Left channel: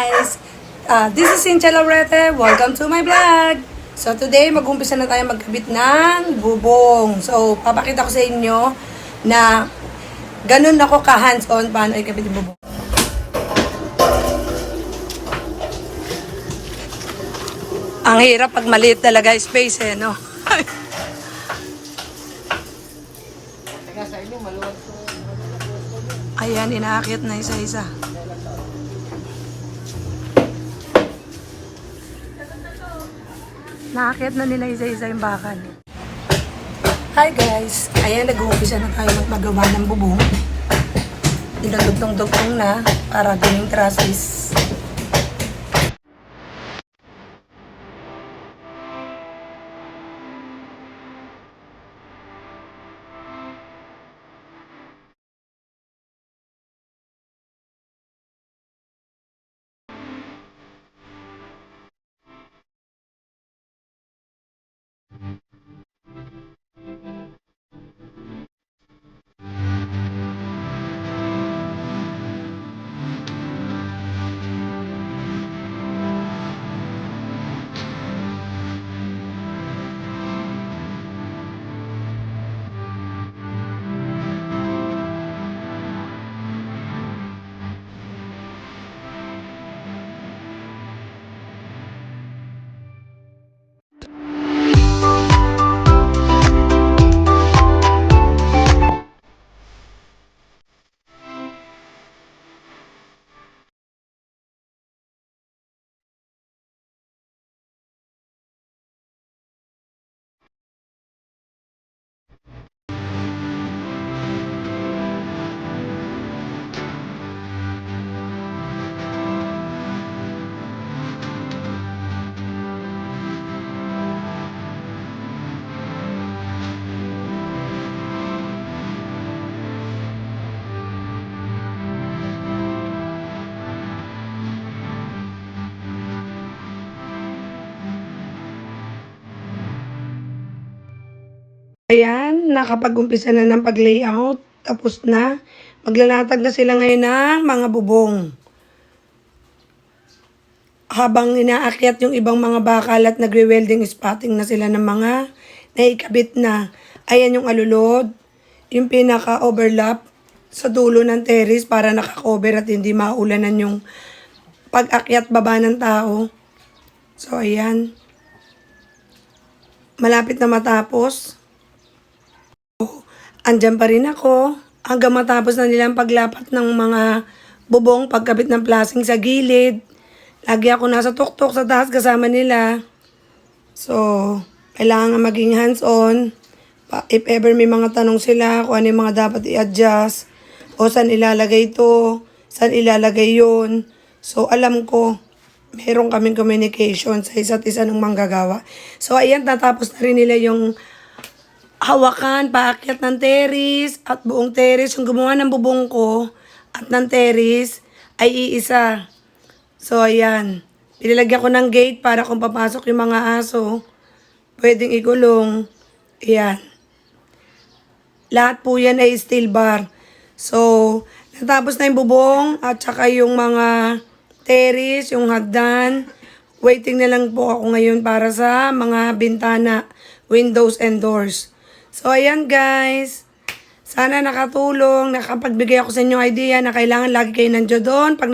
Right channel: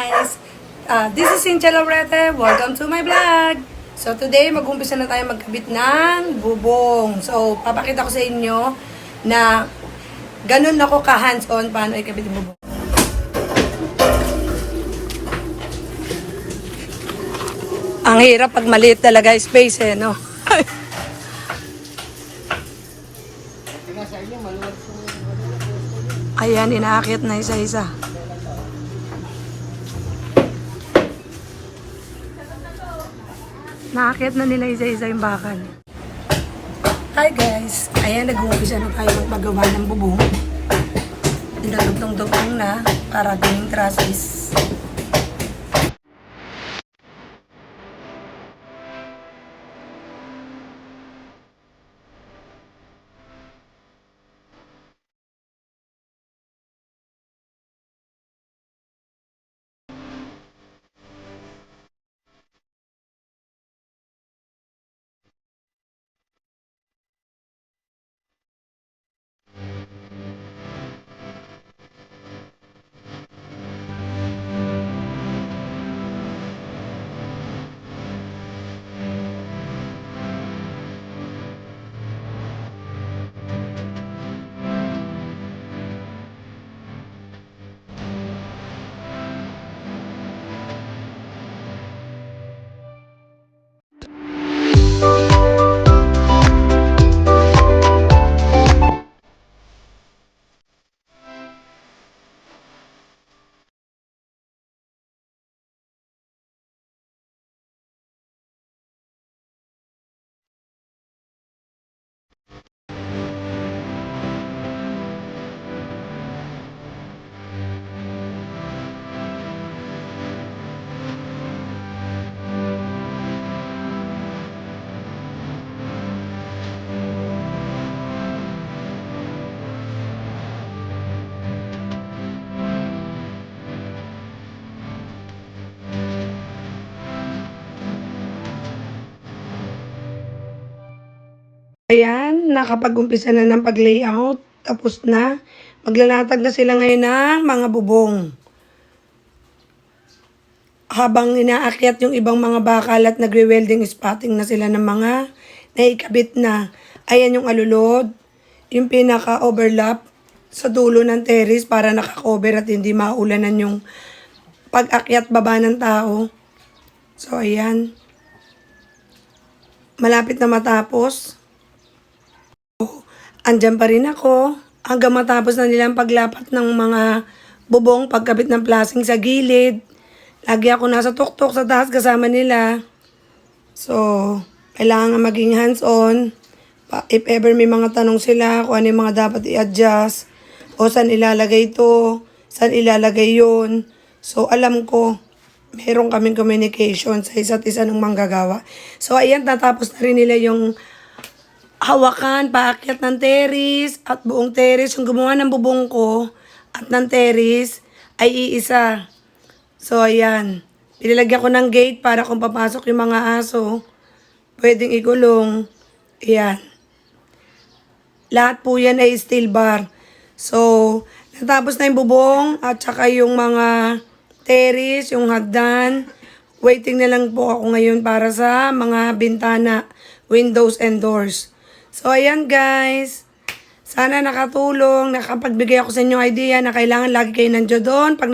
guys! This is Cynthia Laurete. Welcome to my vlog! So today, mag-umpisa na tayo magkabit ng bubong. So, papakita ko sa inyo na ganun ako ka-hands-on paano ikabit yung bubong. Ang hirap pag maliit talaga space no? Ayan, inaakit na isa-isa. Naakit na nila isa-isa yung bakal. Hi guys! Ayan, nag-uumpisa na tayo magpagawa ng bubong. Dinadugtong-dugtong na para gawing trusses. Ayan, nakapag-umpisa na ng pag-layout. Tapos na. Maglalatag na sila ngayon ng mga bubong. Habang inaakyat yung ibang mga bakal at nagre-welding spotting na sila ng mga naikabit na. Ayan yung alulod. Yung pinaka-overlap sa dulo ng terrace para nakakover at hindi maulanan yung pag-akyat baba ng tao. So, ayan. Malapit na matapos. Andyan pa rin ako hanggang matapos na nilang paglapat ng mga bubong, pagkabit ng plasing sa gilid. Lagi ako nasa tuktok sa taas kasama nila. So, kailangan maging hands-on. If ever may mga tanong sila kung ano yung mga dapat i-adjust o saan ilalagay ito, saan ilalagay yun. So, alam ko, meron kaming communication sa isa't isa ng manggagawa. So, ayan, tatapos na rin nila yung hawakan, paakyat ng terrace at buong terrace. Yung gumawa ng bubong ko at ng terrace ay iisa. So, ayan. Pinilagyan ko ng gate para kung papasok yung mga aso, pwedeng ikulong. Ayan. Lahat po yan ay steel bar. So, natapos na yung bubong at saka yung mga terrace, yung hagdan. Waiting na lang po ako ngayon para sa mga bintana, windows and doors. So, ayan guys. Sana nakatulong, nakapagbigay ako sa inyo idea na kailangan lagi kayo nandiyo doon. Pag